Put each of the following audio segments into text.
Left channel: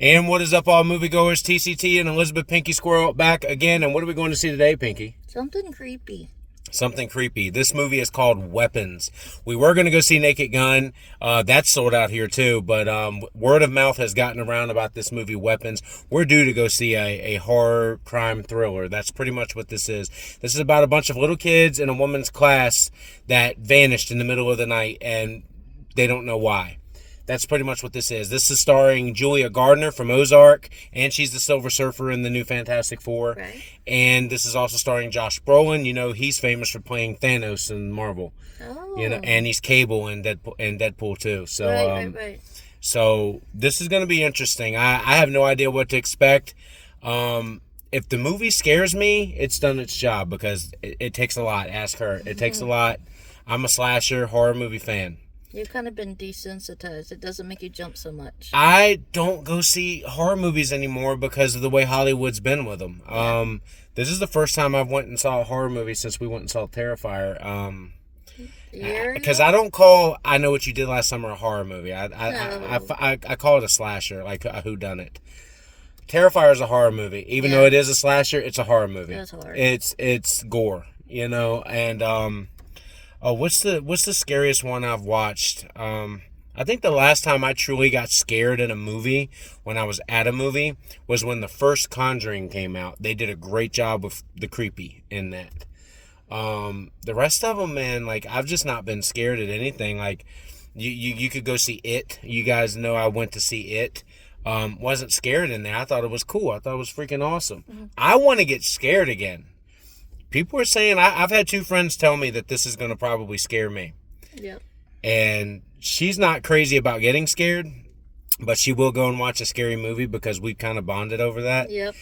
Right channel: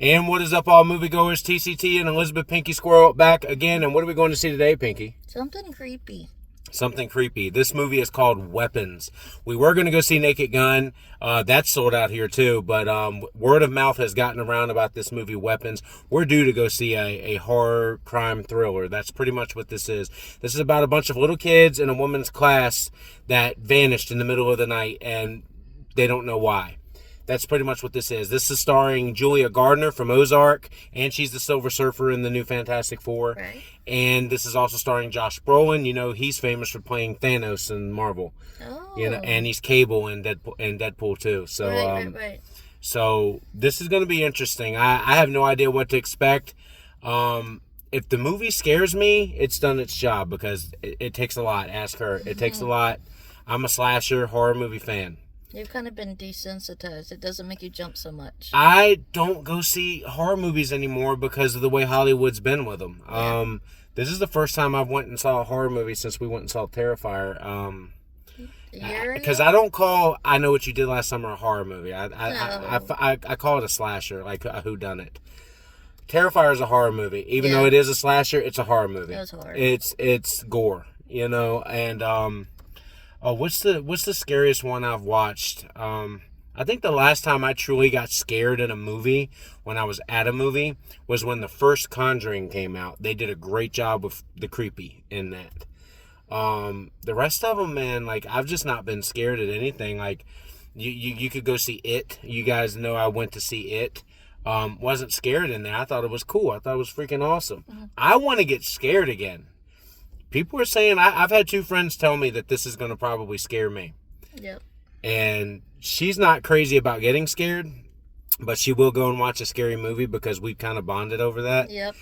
And what is up, all moviegoers? TCT and Elizabeth Pinky Squirrel back again. And what are we going to see today, Pinky? Something creepy. Something creepy. This movie is called Weapons. We were going to go see Naked Gun. That's sold out here too. But word of mouth has gotten around about this movie, Weapons. We're due to go see a horror crime thriller. That's pretty much what this is. This is about a bunch of little kids in a woman's class that vanished in the middle of the night, and they don't know why. That's pretty much what this is. This is starring Julia Gardner from Ozark, and she's the Silver Surfer in the new Fantastic Four. Right. And this is also starring Josh Brolin. You know, he's famous for playing Thanos in Marvel. Oh. You know, and he's Cable in Deadpool too. So, Right. So this is going to be interesting. I have no idea what to expect. If the movie scares me, it's done its job, because it takes a lot. Ask her. It takes a lot. I'm a slasher horror movie fan. You've kind of been desensitized. It doesn't make you jump so much. I don't go see horror movies anymore because of the way Hollywood's been with them. Yeah. This is the first time I've went and saw a horror movie since we went and saw Terrifier. Because I don't call I Know What You Did Last Summer a horror movie. I call it a slasher, like a whodunit. Terrifier is a horror movie. Even though it is a slasher, it's a horror movie. It's horror. It's gore, you know, and oh, what's the scariest one I've watched? I think the last time I truly got scared in a movie, when I was at a movie, was when the first Conjuring came out. They did a great job with the creepy in that. The rest of them, man, like, I've just not been scared at anything. Like, you could go see It. You guys know I went to see It. Wasn't scared in there. I thought it was cool. I thought it was freaking awesome. Mm-hmm. I want to get scared again. People are saying, I've had two friends tell me that this is going to probably scare me. Yep. And she's not crazy about getting scared, but she will go and watch a scary movie because we've kind of bonded over that. Yep.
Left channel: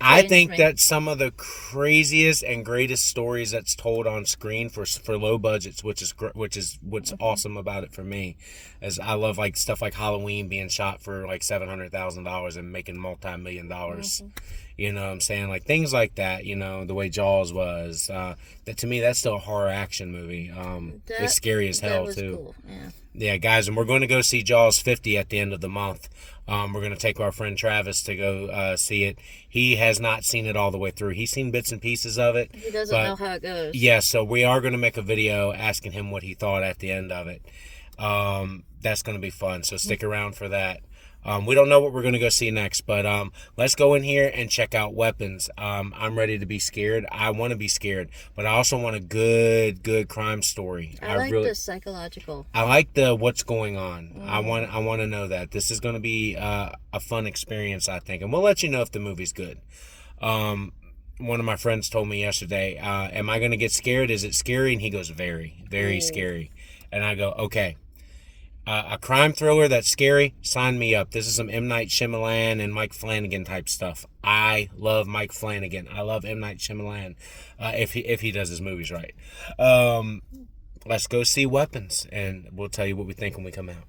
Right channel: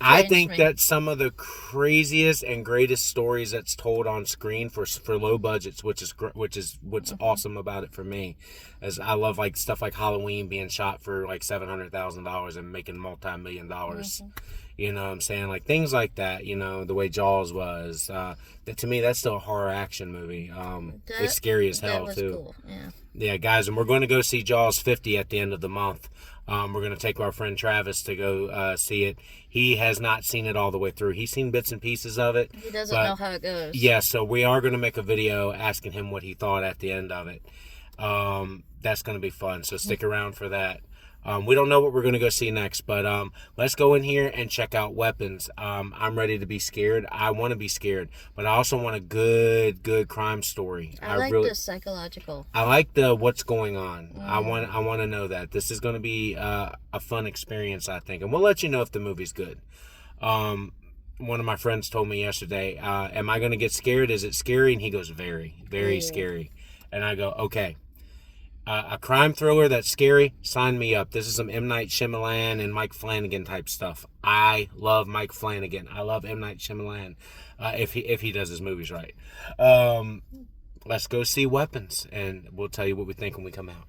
I think that some of the craziest and greatest stories that's told on screen for low budgets, which is what's awesome about it for me, as I love like stuff like Halloween being shot for like $700,000 and making $multi-million. You know what I'm saying? Like things like that, you know, the way Jaws was. That to me, that's still a horror action movie. It's scary as hell, too. Cool. Yeah. Yeah, guys, and we're going to go see Jaws 50 at the end of the month. We're going to take our friend Travis to go see it. He has not seen it all the way through. He's seen bits and pieces of it. He doesn't know how it goes. Yeah, so we are going to make a video asking him what he thought at the end of it. That's going to be fun, so stick around for that. We don't know what we're going to go see next, but let's go in here and check out Weapons. I'm ready to be scared. I want to be scared, but I also want a good crime story. I like the psychological. I like the what's going on. I want to know that. This is going to be a fun experience, I think, and we'll let you know if the movie's good. One of my friends told me yesterday, am I going to get scared? Is it scary? And he goes, very, very scary. And I go, okay. A crime thriller that's scary, sign me up. This is some M. Night Shyamalan and Mike Flanagan type stuff. I love Mike Flanagan. I love M. Night Shyamalan, if he does his movies right. Let's go see Weapons, and we'll tell you what we think when we come out.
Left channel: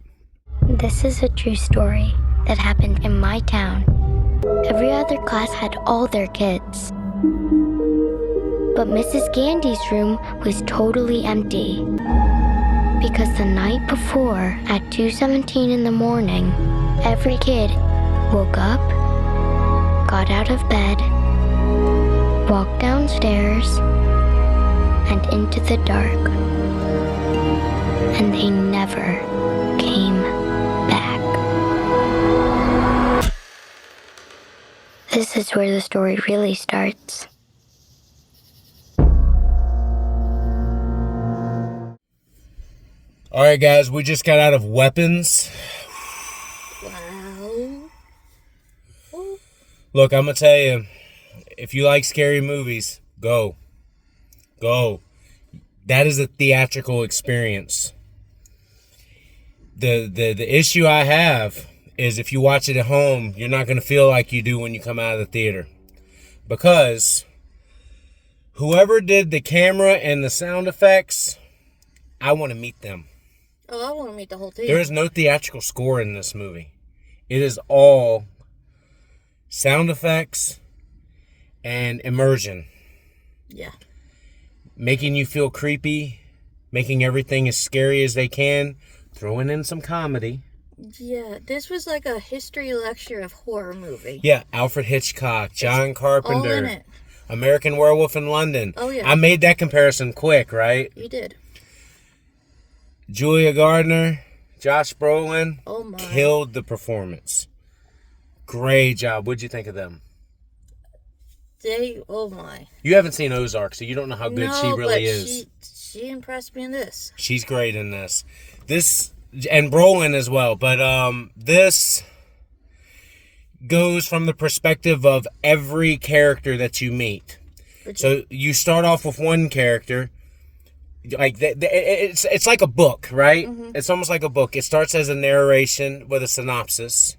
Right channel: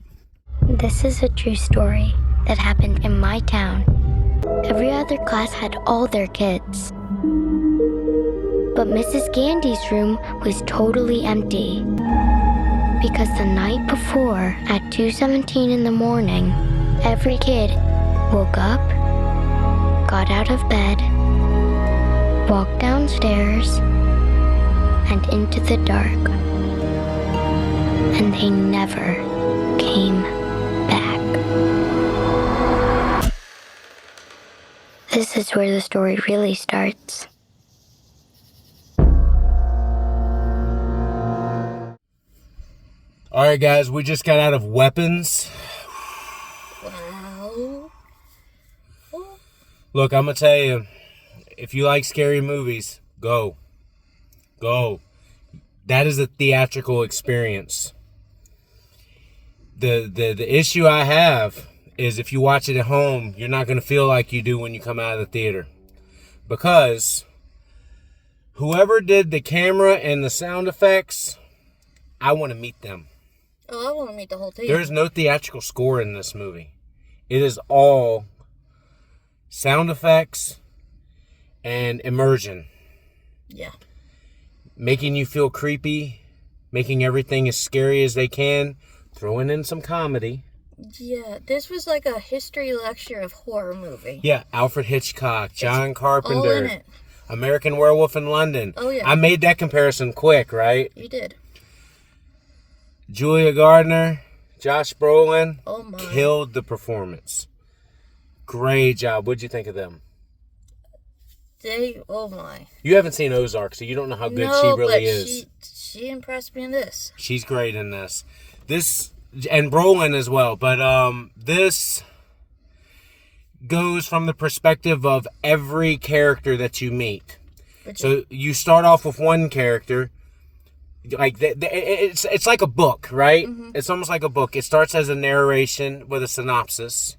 This is a true story that happened in my town. Every other class had all their kids. But Mrs. Gandy's room was totally empty. Because the night before, at 2:17 in the morning, every kid woke up, got out of bed, walked downstairs, and into the dark. And they never came back. This is where the story really starts. All right, guys, we just got out of Weapons. Wow. Look, I'm going to tell you, if you like scary movies, go. Go. That is a theatrical experience. The issue I have is if you watch it at home, you're not going to feel like you do when you come out of the theater. Because whoever did the camera and the sound effects, I want to meet them. Oh, I want to meet the whole team. There is no theatrical score in this movie. It is all sound effects and immersion. Yeah. Making you feel creepy, making everything as scary as they can, throwing in some comedy. Yeah, this was like a history lecture of horror movie. Yeah, Alfred Hitchcock, John All in Carpenter, it. American Werewolf in London. Oh, yeah. I made that comparison quick, right? You did. Julia Gardner, Josh Brolin, Oh my. killed the performance. Great job. What'd you think of them? Oh my. You haven't seen Ozark, so you don't know how good No, she really but is. She impressed me in this. She's great in this. And Brolin as well. But this goes from the perspective of every character that you meet. So you start off with one character, like it's like a book, right? Mm-hmm. It's almost like a book. It starts as a narration with a synopsis,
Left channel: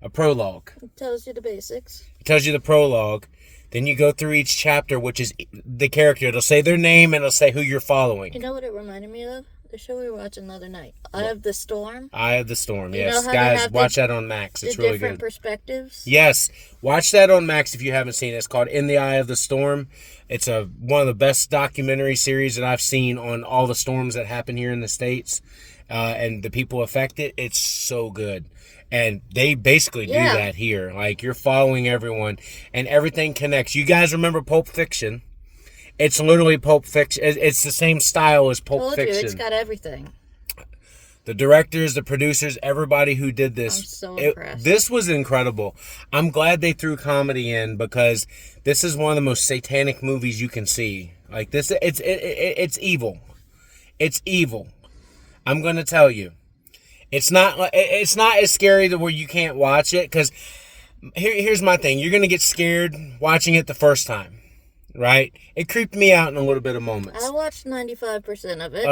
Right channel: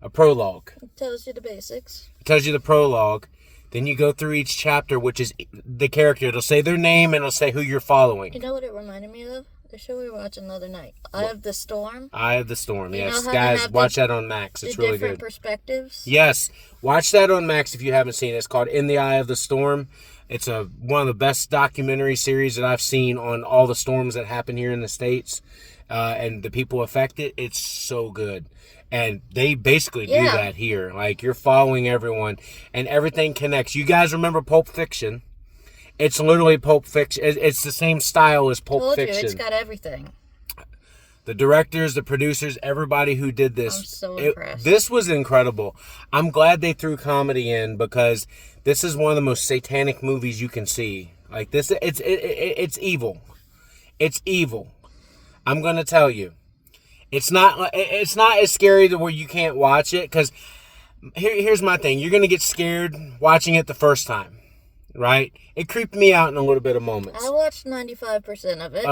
a prologue. It tells you the basics. It tells you the prologue. Then you go through each chapter, which is the character. It'll say their name and it'll say who you're following. You know what it reminded me of? The show we were watching the other night. Eye of the Storm. Eye of the Storm, You yes. know how they Guys, have watch that on Max. The It's really different good. perspectives. Yes, watch that on Max if you haven't seen it. It's called In the Eye of the Storm. It's one of the best documentary series that I've seen on all the storms that happen here in the States and the people affected. It's so good. And they basically do that here. Like, you're following everyone and everything connects. You guys remember Pulp Fiction? It's literally Pulp Fiction. It's the same style as Pulp Told Fiction. you, it's got everything. The directors, the producers, everybody who did this. I'm so impressed. This was incredible. I'm glad they threw comedy in because this is one of the most satanic movies you can see. Like this, it's evil. It's evil. I'm gonna tell you, it's not as scary to where you can't watch it. Because here's my thing: you're gonna get scared watching it the first time, right? It creeped me out in a little bit of moments. I watched 95% of it.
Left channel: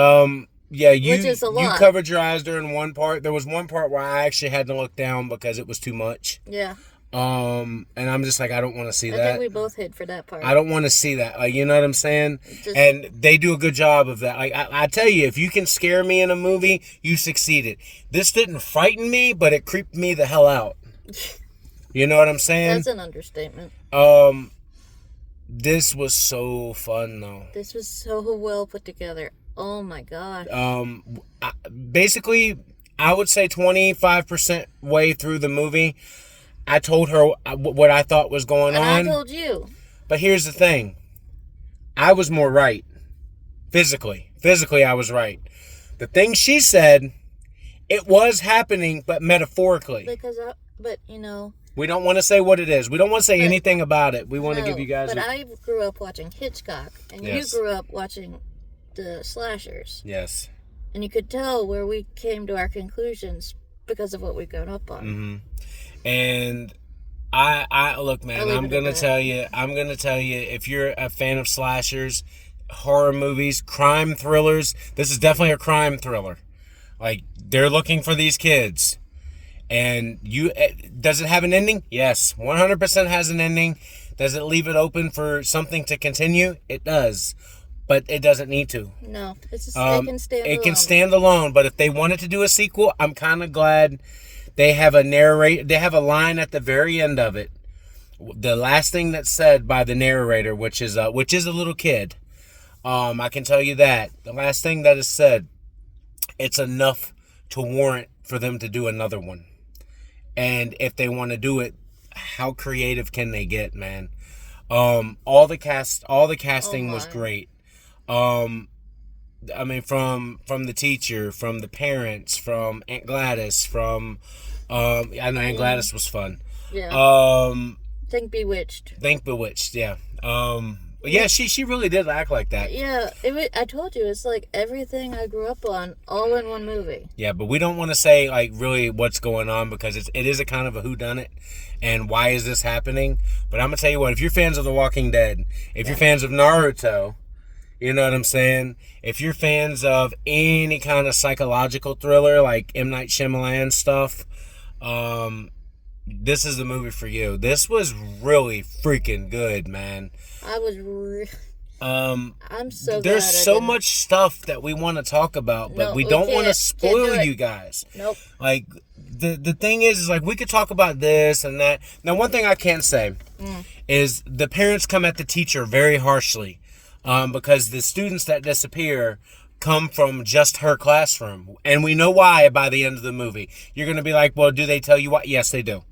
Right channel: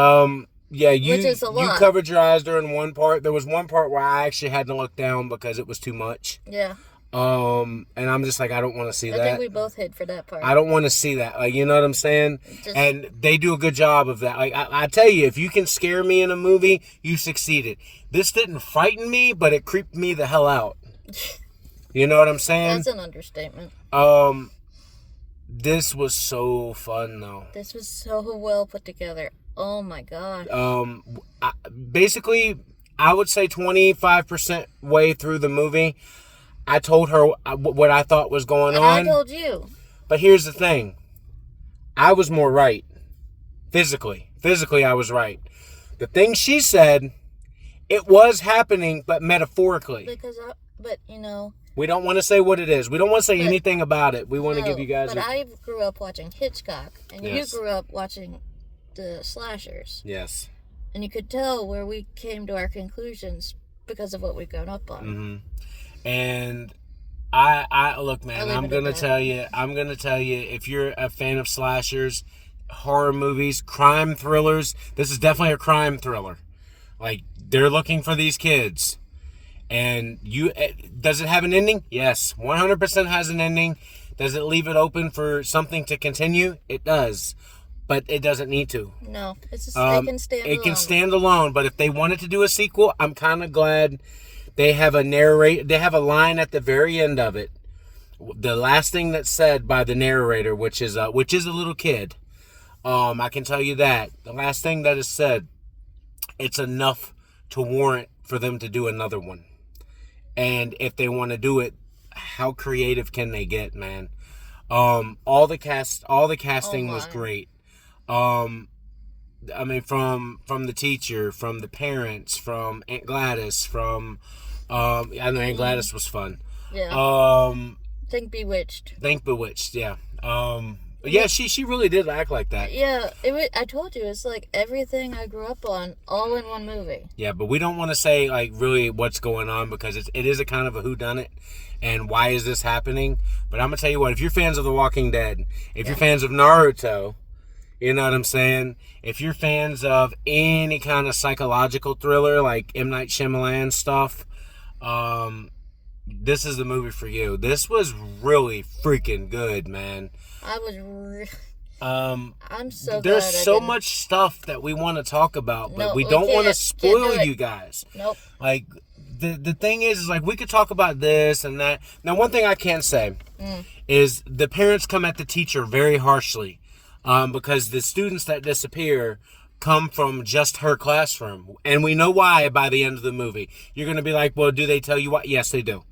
Yeah, Which is a you lot. covered your eyes during one part. There was one part where I actually had to look down because it was too much. Yeah. And I'm just like, I don't want to see I that. think we both hid for that part. I don't want to see that. Like, you know what I'm saying? Just- And they do a good job of that. Like, I tell you, if you can scare me in a movie, you succeeded. This didn't frighten me, but it creeped me the hell out. You know what I'm saying? That's an understatement. This was so fun, though. This was so well put together. Oh my god. Basically, I would say 25% way through the movie, I told her what I thought was going And on. I told you. But here's the thing. I was more right. Physically, I was right. The thing she said, it was happening, but metaphorically. But you know. We don't want to say what it is. We don't want to say anything about it. We want to give you guys. But I grew up watching Hitchcock, and Yes. you grew up watching the slashers, Yes. and you could tell where we came to our conclusions because of what we've grown up on. Mm-hmm. And I look, man. I'm gonna tell you. If you're a fan of slashers, horror movies, crime thrillers, this is definitely a crime thriller. Like, they're looking for these kids. And does it have an ending? Yes, 100% has an ending. Does it leave it open for something to continue? It does, but it doesn't need to. No, it can stand alone. It can stand alone. But if they wanted to do a sequel, I'm kind of glad they have They have a line at the very end of it. The last thing that's said by the narrator, which is a little kid. I can tell you that the last thing that is said, it's enough to warrant for them to do another one. And if they want to do it, how creative can they get, man? All the casting was great. I mean, from the teacher, from the parents, from Aunt Gladys, from I know Aunt Gladys was fun. Yeah. Think Bewitched. Yeah. But yeah, she really did act like that. Yeah, I told you, it's like everything I grew up on, all in one movie. Yeah, but we don't want to say like really what's going on because it is a kind of a whodunit and why is this happening. But I'm gonna tell you what, if you're fans of The Walking Dead, if you're fans of Naruto, you know what I'm saying? If you're fans of any kind of psychological thriller like M. Night Shyamalan stuff, this is the movie for you. This was really freaking good, man. I'm so glad there's so much stuff that we want to talk about, but we don't want to spoil you guys. Nope. Like the thing is like we could talk about this and that. Now, one thing I can say is the parents come at the teacher very harshly, because the students that disappear come from just her classroom. And we know why by the end of the movie. You're going to be like, well, do they tell you why? Yes, they do.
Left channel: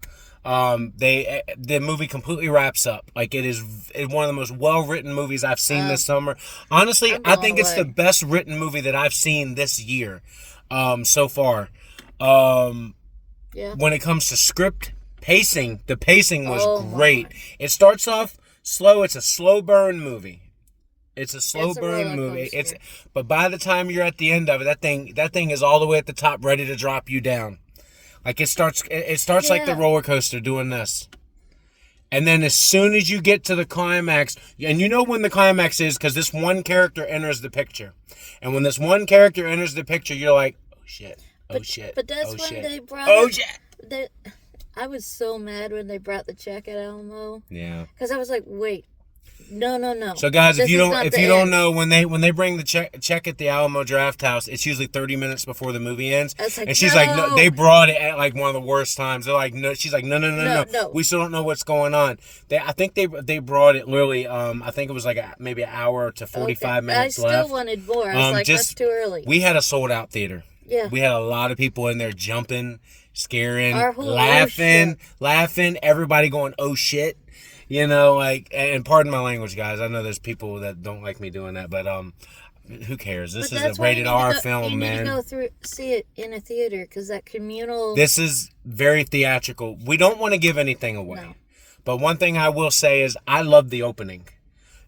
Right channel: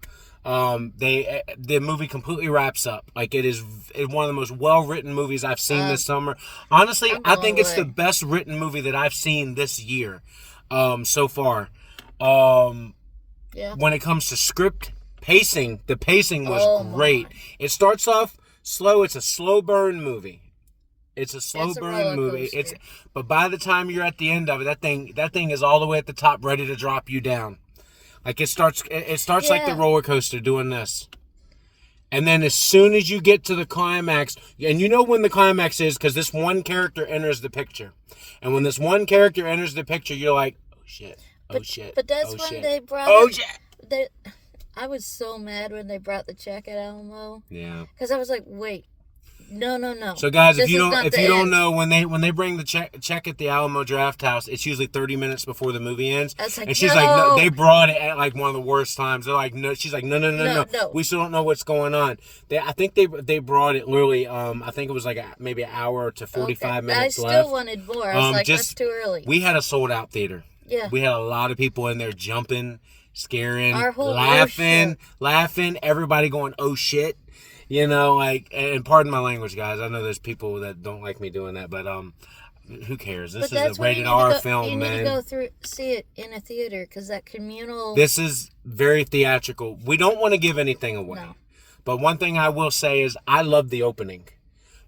The movie completely wraps up. Like, it is one of the most well-written movies I've seen this summer. Honestly, I think it's the best written movie that I've seen this year, so far. Yeah. When it comes to script, pacing, the pacing was great. It starts off slow. It's a slow burn movie. It's a slow burn movie. But by the time you're at the end of it, that thing is all the way at the top, ready to drop you down. Like, it starts like the roller coaster doing this. And then as soon as you get to the climax, and you know when the climax is, because this one character enters the picture. And when this one character enters the picture, you're like, oh shit, oh shit. But that's when shit. they brought I was so mad when they brought the check at Alamo. Yeah. Because I was like, wait. No. So guys, This if you is not the don't end. know, when they bring the check at the Alamo Draft House, it's usually 30 minutes before the movie ends. I was like, and she's like, no, they brought it at like one of the worst times. They're like, no, she's like, no. We still don't know what's going on. I think they brought it literally. I think it was like maybe an hour to 45 minutes left. I still wanted more. I was like, that's too early. We had a sold out theater. Yeah. We had a lot of people in there jumping, scaring, Our whole laughing. Everybody going, oh shit. You know, like, and pardon my language, guys. I know there's people that don't like me doing that, but who cares? This is a rated R film, man. You need to go see it in a theater because that communal. This is very theatrical. We don't want to give anything away, No. But one thing I will say is I love the opening,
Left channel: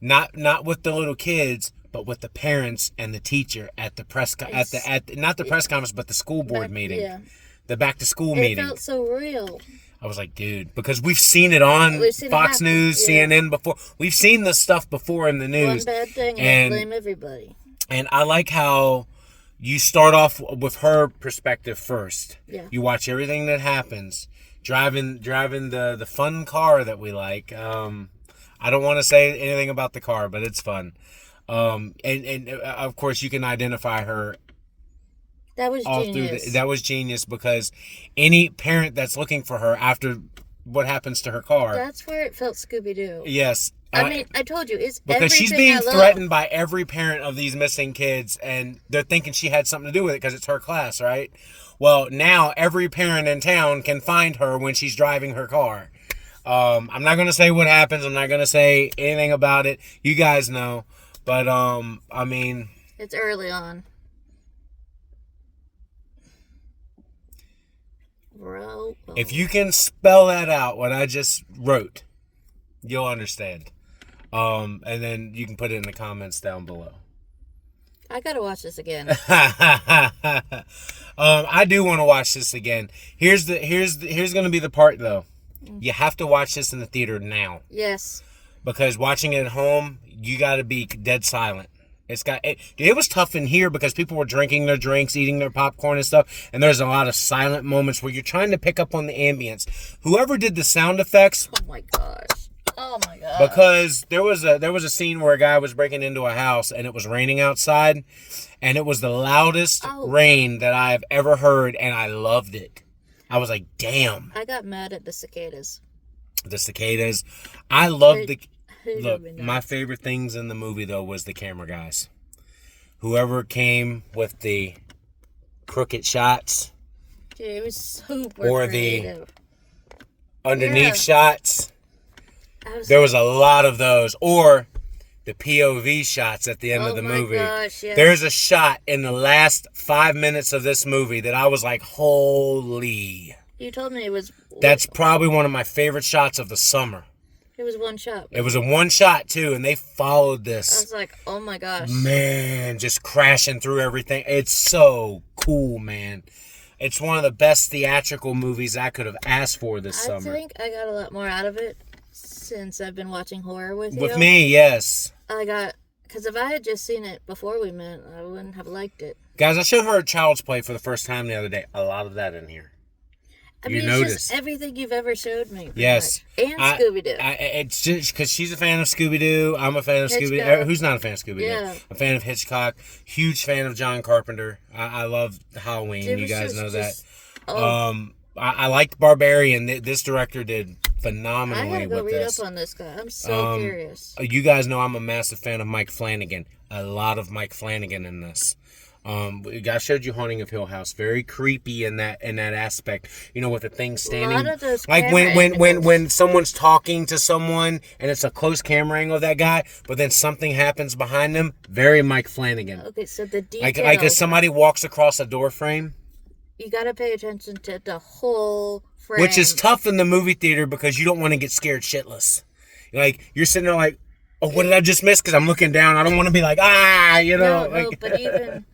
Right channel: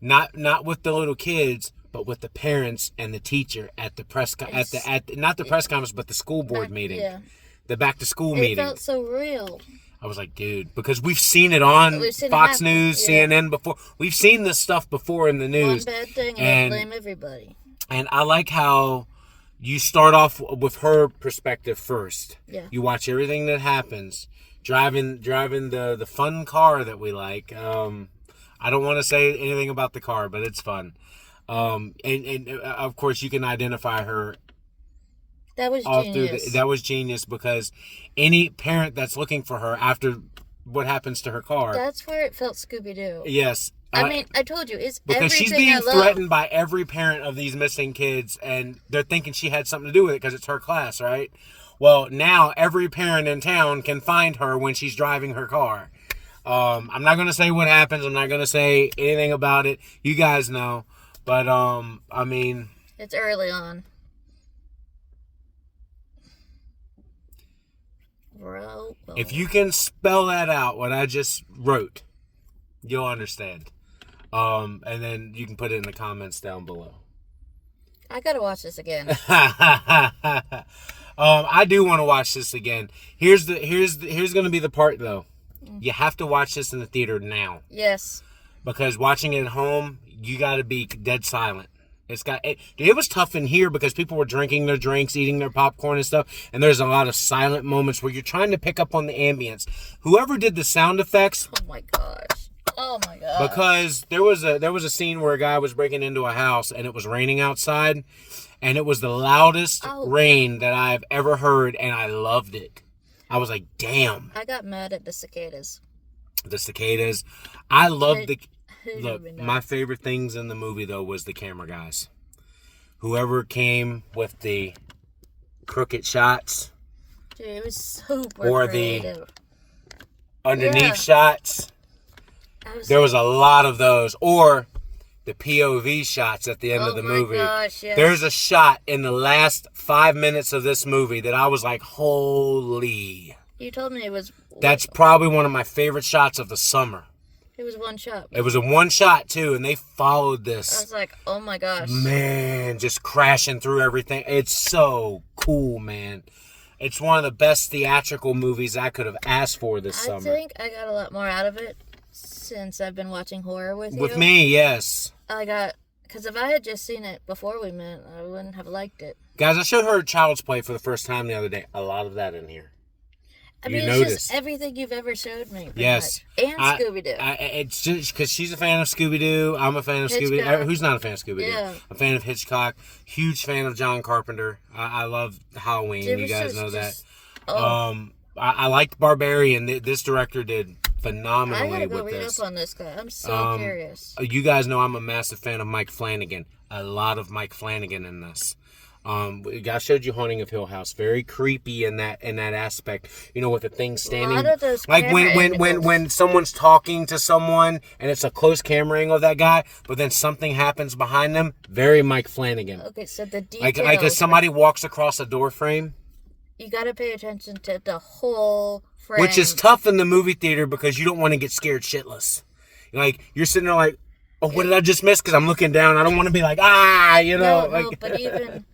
not with the little kids, but with the parents and the teacher at the press not the press conference, but the school board meeting, the back to school meeting. It felt so real. I was like, dude, because we've seen it on Fox News, CNN before. We've seen this stuff before in the news. One bad thing and blame everybody. And I like how you start off with her perspective first. Yeah. You watch everything that happens. Driving the fun car that we like. I don't want to say anything about the car, but it's fun. And of course you can identify her. That was genius. That was genius because any parent that's looking for her after what happens to her car. That's where it felt Scooby-Doo. Yes. I mean, I told you, it's because everything she's being I love. threatened by every parent of these missing kids, and they're thinking she had something to do with it because it's her class, right? Well, now every parent in town can find her when she's driving her car. I'm not going to say what happens. I'm not going to say anything about it. You guys know. But, I mean... It's early on. If you can spell that out, what I just wrote, you'll understand. And then you can put it in the comments down below. I gotta watch this again. I do want to watch this again. Here's gonna be the part though. You have to watch this in the theater now. Yes. Because watching it at home, you got to be dead silent. It was tough in here because people were drinking their drinks, eating their popcorn and stuff, and there's a lot of silent moments where you're trying to pick up on the ambience. Whoever did the sound effects, oh my gosh. Because there was a scene where a guy was breaking into a house and it was raining outside, and it was the loudest rain that I have ever heard, and I loved it. I was like, damn. I got mad at the cicadas. The cicadas. I loved the... Look, my favorite things in the movie, though, was the camera guys. Whoever came with the crooked shots. Dude, it was super or creative. The underneath shots. There was a lot of those. Or the POV shots at the end of the movie. Gosh, yes. There's a shot in the last 5 minutes of this movie that I was like, holy. You told me it was... That's probably one of my favorite shots of the summer. It was one shot. It was a one shot, too, and they followed this. I was like, oh my gosh. Man, just crashing through everything. It's so cool, man. It's one of the best theatrical movies I could have asked for this summer. I think I got a lot more out of it since I've been watching horror with you. With me, yes. Because if I had just seen it before we met, I wouldn't have liked it. Guys, I showed her Child's Play for the first time the other day. A lot of that in here. I mean, it's just everything you've ever showed me. Yes. Much. And Scooby-Doo. It's just because she's a fan of Scooby-Doo. I'm a fan of Scooby-Doo. Who's not a fan of Scooby-Doo? Yeah. A fan of Hitchcock. Huge fan of John Carpenter. I love Halloween. You guys know that. I liked Barbarian. This director did phenomenally with this. I gotta go read up on this guy. I'm so curious. You guys know I'm a massive fan of Mike Flanagan. A lot of Mike Flanagan in this. I showed you Haunting of Hill House. Very creepy in that aspect. You know, with the thing standing. A lot of those like camera when someone's talking to someone and it's a close camera angle of that guy, but then something happens behind them. Very Mike Flanagan. Okay, so the Like details. if somebody walks across a door frame. You gotta pay attention to the whole frame. Which is tough in the movie theater because you don't want to get scared shitless. Like, you're sitting there like, oh, what did I just miss? Because I'm looking down. I don't want to be like, you know. No, but even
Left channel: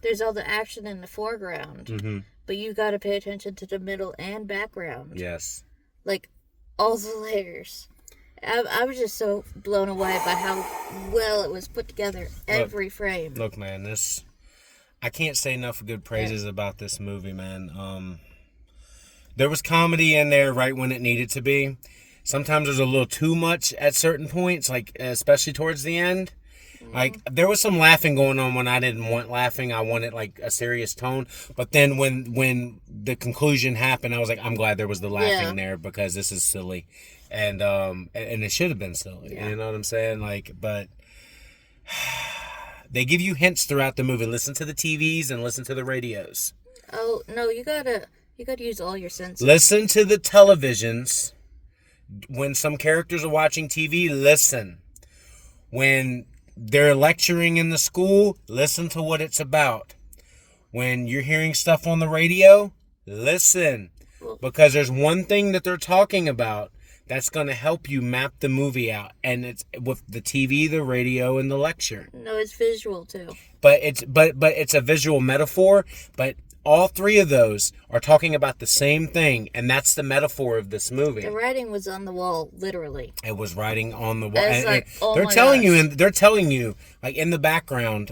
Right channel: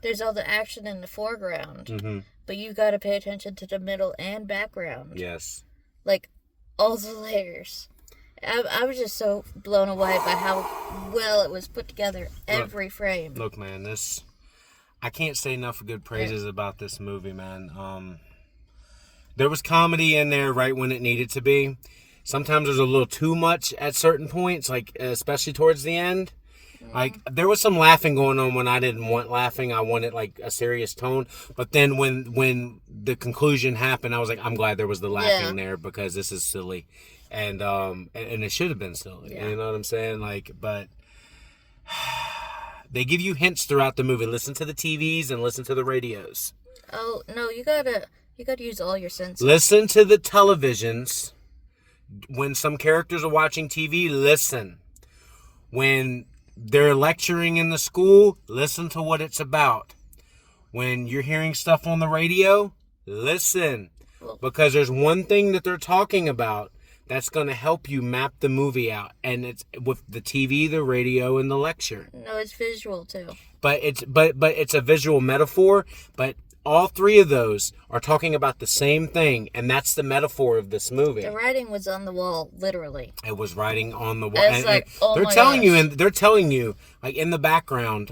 there's all the action in the foreground. Mm-hmm. But you gotta pay attention to the middle and background. Yes. Like, all the layers. I was just so blown away by how well it was put together. Every frame. Look, man, I can't say enough good praises about this movie, man. There was comedy in there right when it needed to be. Sometimes there's a little too much at certain points, like especially towards the end. Like, there was some laughing going on when I didn't want laughing. I wanted like a serious tone. But then when the conclusion happened, I was like, I'm glad there was the laughing there because this is silly, and it should have been silly. Yeah. You know what I'm saying? Like, but they give you hints throughout the movie. Listen to the TVs and listen to the radios. Oh no, you gotta use all your senses. Listen to the televisions. When some characters are watching TV, listen. When they're lecturing in the school, listen to what it's about. When you're hearing stuff on the radio, listen. Because there's one thing that they're talking about that's going to help you map the movie out. And it's with the TV, the radio, and the lecture. No, it's visual too. But it's a visual metaphor. But all three of those are talking about the same thing, and that's the metaphor of this movie. The writing was on the wall, literally. It was writing on the wall. It's like, oh they're my telling gosh. you, and they're telling you, like in the background,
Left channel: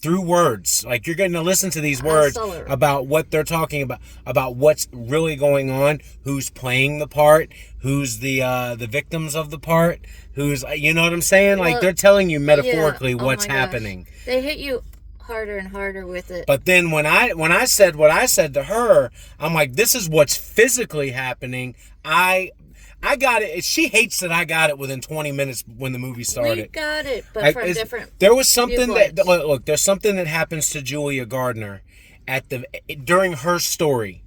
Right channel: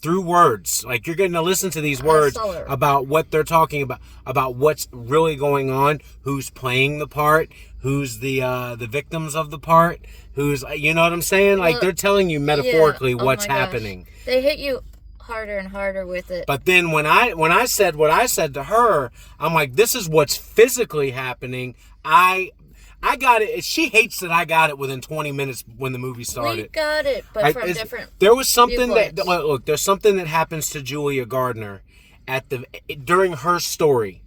through words. Like, you're going to listen to these words saw it. about what they're talking about what's really going on, who's playing the part, who's the victims of the part, who's, you know what I'm saying? Like, Well, they're telling you metaphorically yeah. Oh what's my gosh. happening. They hit you harder and harder with it. But then when I said what I said to her, I'm like, this is what's physically happening. I got it. She hates that I got it within 20 minutes when the movie started. We got it, but Like, from different. There was something viewpoints. that look. There's something that happens to Julia Gardner during her story.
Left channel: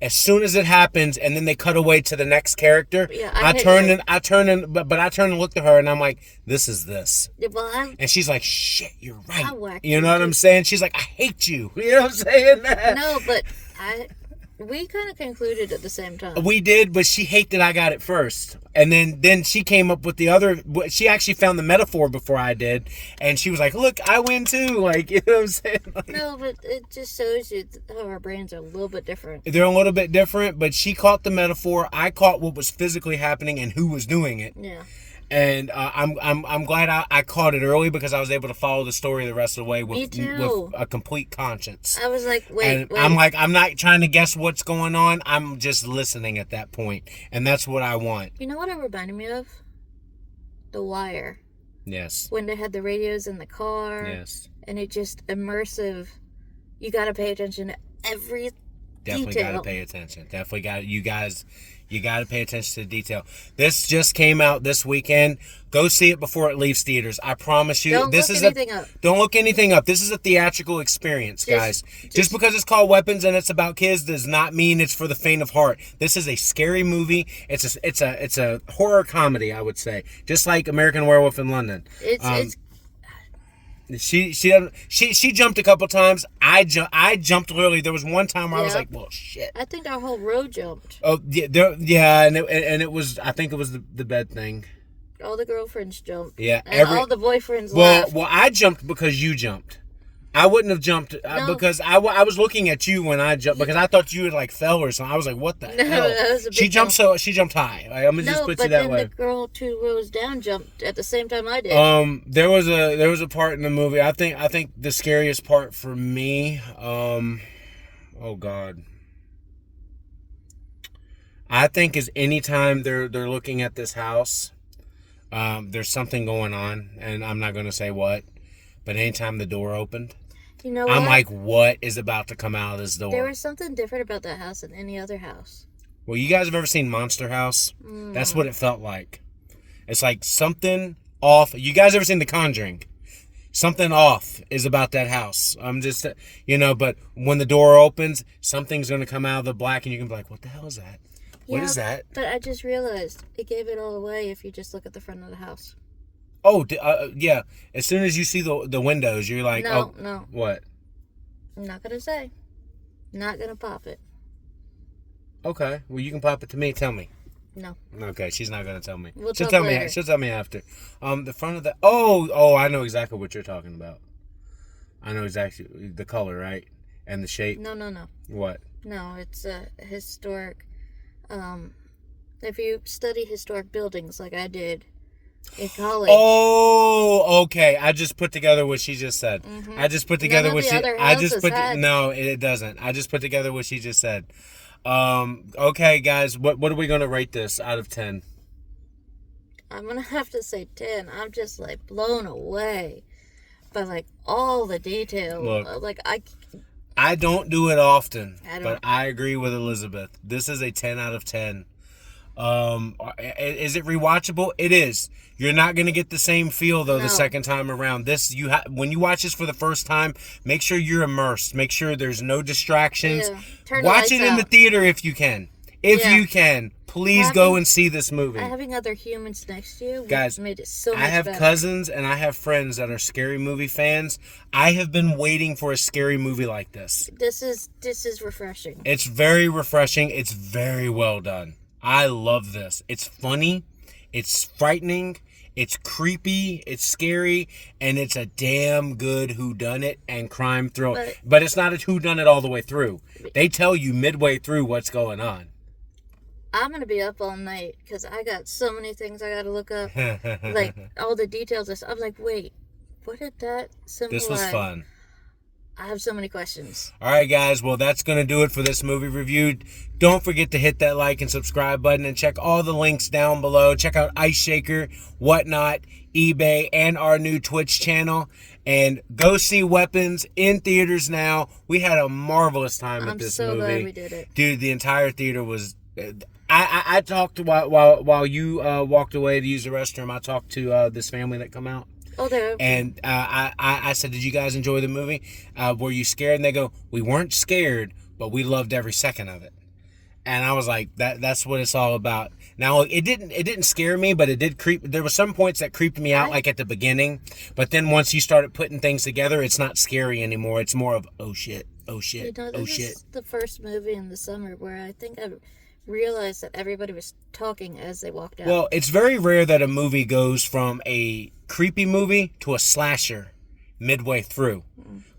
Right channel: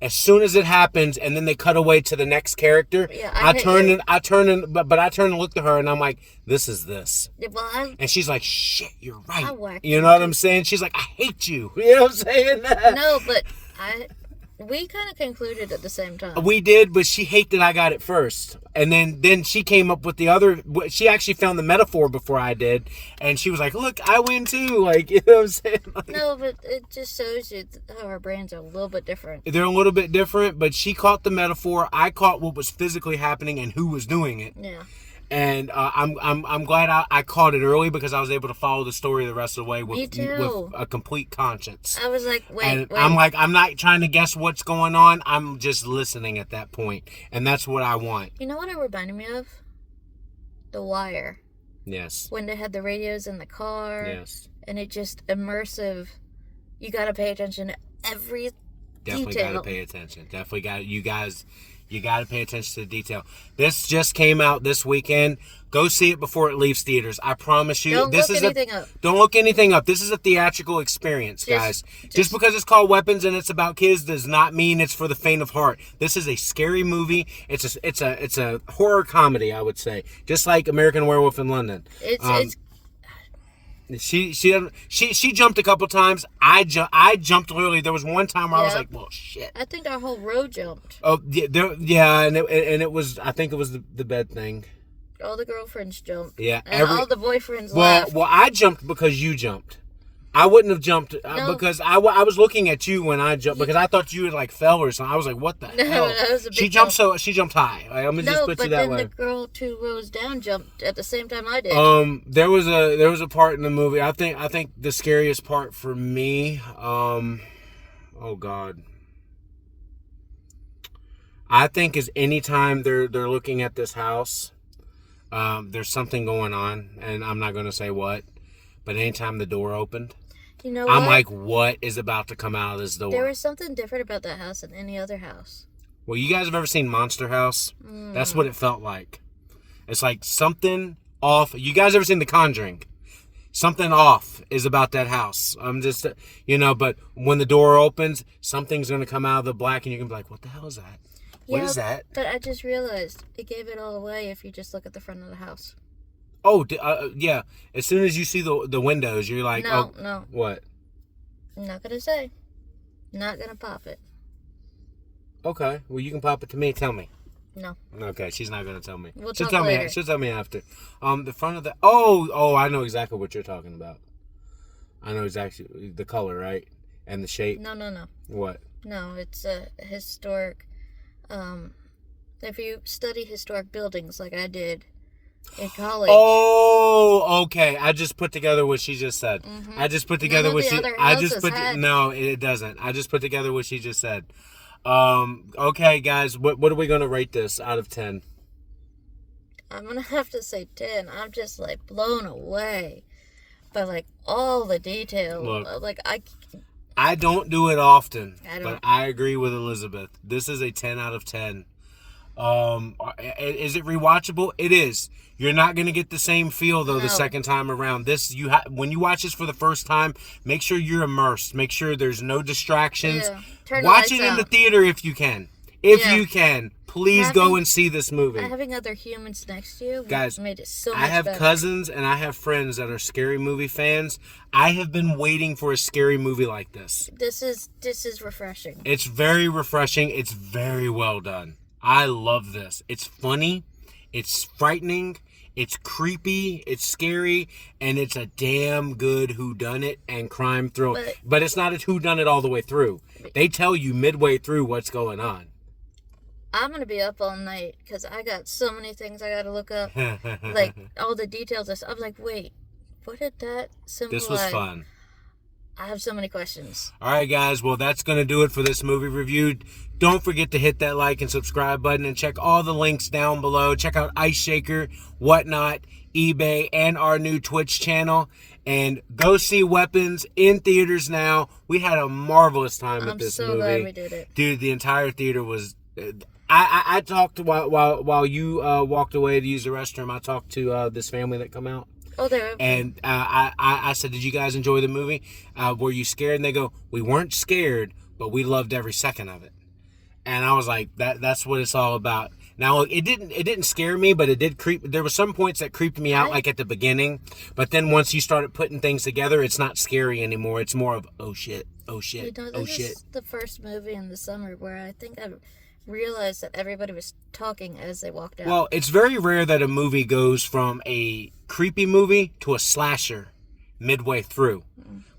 As soon as it happens, and then they cut away to the next character. Yeah, I hit turned you. and I turned and looked at her, and I'm like, "This is this." Yeah, well, And she's like, "Shit, you're right." I whacked You know what I'm saying? She's like, "I hate you." You know what I'm saying? no, but we kind of concluded at the same time. We did, but she hated that I got it first. And then she came up with the other. She actually found the metaphor before I did. And she was like, look, I win too. Like, you know what I'm saying? Like, No, but it just shows you how our brains are a little bit different. they're a little bit different, but she caught the metaphor. I caught what was physically happening and who was doing it. Yeah. And I'm glad I caught it early because I was able to follow the story the rest of the way Me with too. a complete conscience. I was like, wait. And I'm not trying to guess what's going on. I'm just listening at that point. And that's what I want. You know what it reminded me of? The Wire. Yes. When they had the radios in the car. Yes. And it just immersive. You got to pay attention to every Definitely detail. got to pay attention. Definitely got you guys. You got to pay attention to the detail. This just came out this weekend. Go see it before it leaves theaters. I promise you. Don't this look is anything up. Don't look anything up. This is a theatrical experience, guys. Just because it's called Weapons and it's about kids does not mean it's for the faint of heart. This is a scary movie. It's a horror comedy, I would say, just like American Werewolf in London. It's She jumped a couple times. I jumped literally. There was one time where I was Yeah. like, "Well, shit." I think our whole row jumped. Oh yeah, and it was. I think it was the bed thing. All the girlfriends jumped. Yeah, And all the boyfriends Well, laughed. I jumped because you jumped. I wouldn't have jumped No. because I was looking at you when I jumped because I thought you had like fell or something. I was like, "What the No, hell?" that was a She big jumped she jumped high. Like, I'm gonna just No, put but you that then way. the girl 2 rows down jumped at the same time I did. There was a part in the movie. I think the scariest part for me. Oh God. I think is anytime they're looking at this house, there's something going on, and I'm not gonna say what, but anytime the door opened, You know what? I'm like, what is about to come out of this door? There was something different about that house than any other house. Well, you guys have ever seen Monster House? That's what it felt like. It's like something off. You guys ever seen The Conjuring? something off is about that house. I'm just, but when the door opens, something's going to come out of the black and you can be like, what the hell is that? What is that? But I just realized it gave it all away if you just look at the front of the house. Oh, yeah. As soon as you see the windows, you're like, No. What? I'm not going to say. Not going to pop it. Okay. Well, you can pop it to me. Tell me. No. Okay, she's not going to tell me. We'll she'll talk tell later. me. She'll tell me after. The front of the... Oh, I know exactly what you're talking about. I know exactly the color, right? And the shape. No. What? No, it's a historic... if you study historic buildings like I did in college... Oh, okay. I just put together what she just said. Mm-hmm. I just put together what she... had... No, it doesn't. I just put together what she just said. Okay, guys. What are we going to rate this out of 10? I'm going to have to say 10. I'm just, like, blown away by, like, all the detail. Look. Like, I don't do it often, I don't. but I agree with Elizabeth. This is a 10 out of 10. Is it rewatchable? It is. You're not going to get the same feel, though, the second time around. When you watch this for the first time, make sure you're immersed. Make sure there's no distractions. Yeah. Turn the Watch lights it in out. the theater if you can. If Yeah. you can, please go and see this movie. Having other humans next to you Guys, made it so much I have better. cousins and I have friends that are scary movie fans. I have been waiting for a scary movie like this. This is refreshing. It's very refreshing. It's very well done. I love this. It's funny. It's frightening. It's creepy. It's scary. And it's a damn good whodunit and crime thriller. But it's not a whodunit all the way through. They tell you midway through what's going on. I'm going to be up all night because I got so many things I got to look up. Like, all the details. I'm like, wait, what did that symbolize? This was fun. I have so many questions. All right, guys. Well, that's going to do it for this movie review. Don't forget to hit that like and subscribe button and check all the links down below. Check out Ice Shaker, Whatnot, eBay, and our new Twitch channel. And go see Weapons in theaters now. We had a marvelous time at this movie. I'm so glad we did it. Dude, the entire theater was... I talked while you walked away to use the restroom. I talked to this family that come out. Oh, there. And I said, did you guys enjoy the movie? Were you scared? And they go, we weren't scared, but we loved every second of it. And I was like, that's what it's all about. Now, it didn't scare me, but it did creep. There were some points that creeped me out, like at the beginning. But then once you started putting things together, it's not scary anymore. It's more of, oh shit, oh shit, oh this shit. is the first movie in the summer where I think I realized that everybody was talking as they walked out. Well, it's very rare that a movie goes from a creepy movie to a slasher midway through.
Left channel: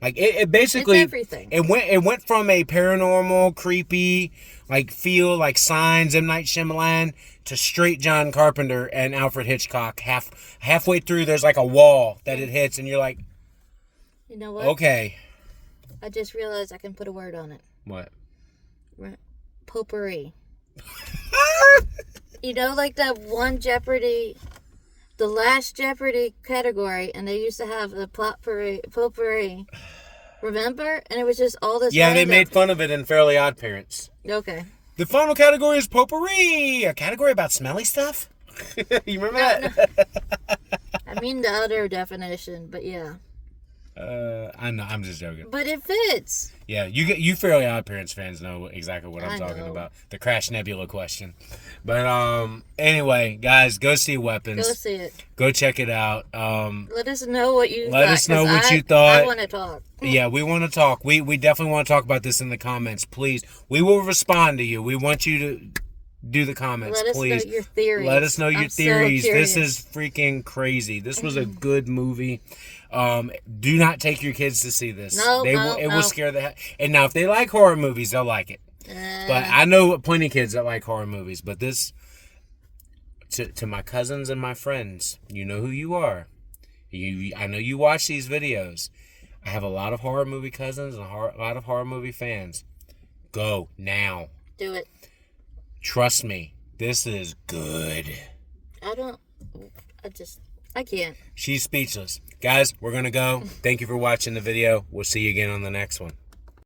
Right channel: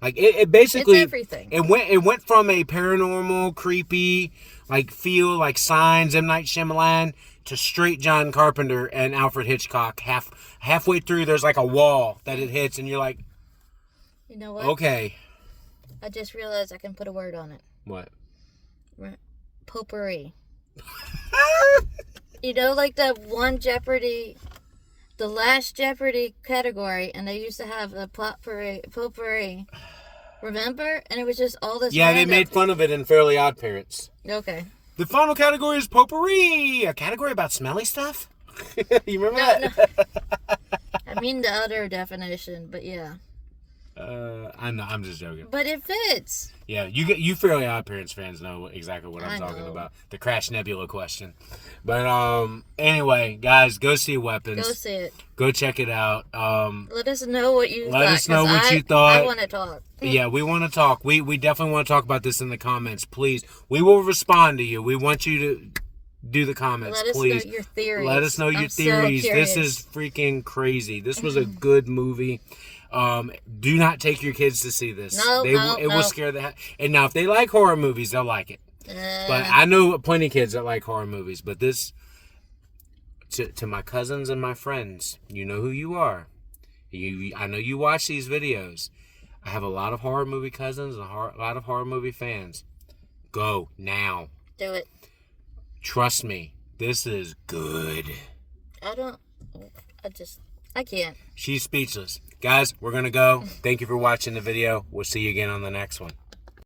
Like it basically It's everything. It went from a paranormal, creepy, like feel like Signs, M. Night Shyamalan, to straight John Carpenter and Alfred Hitchcock. Halfway through, there's like a wall that it hits, and you're like, You know what? okay, I just realized I can put a word on it. what? Potpourri. You know, like that one Jeopardy, the last Jeopardy category, and they used to have the potpourri. Remember? And it was just all this. Yeah, random... they made fun of it in Fairly Odd Parents. Okay. The final category is potpourri, a category about smelly stuff. You remember that? No. I mean the other definition, but yeah. I know. I'm just joking. But it fits. Yeah, you Fairly Odd Parents fans know exactly what I'm I talking know. about. The Crash Nebula question. But anyway, guys, go see Weapons. Go see it. Go check it out. Let us know what you Let thought. us know 'cause what you thought. I want to talk. Yeah, we want to talk. We definitely want to talk about this in the comments. Please, we will respond to you. We want you to do the comments. Let us please. know your theories. Let us know your I'm so theories. curious. This is freaking crazy. This was a good movie. Do not take your kids to see this. No, It will scare the heck. And now, if they like horror movies, they'll like it. But I know plenty of kids that like horror movies. But this, to my cousins and my friends, you know who you are. I know you watch these videos. I have a lot of horror movie cousins and a lot of horror movie fans. Go now. Do it. Trust me. This is good. I can't. She's speechless. Guys, we're going to go. Thank you for watching the video. We'll see you again on the next one.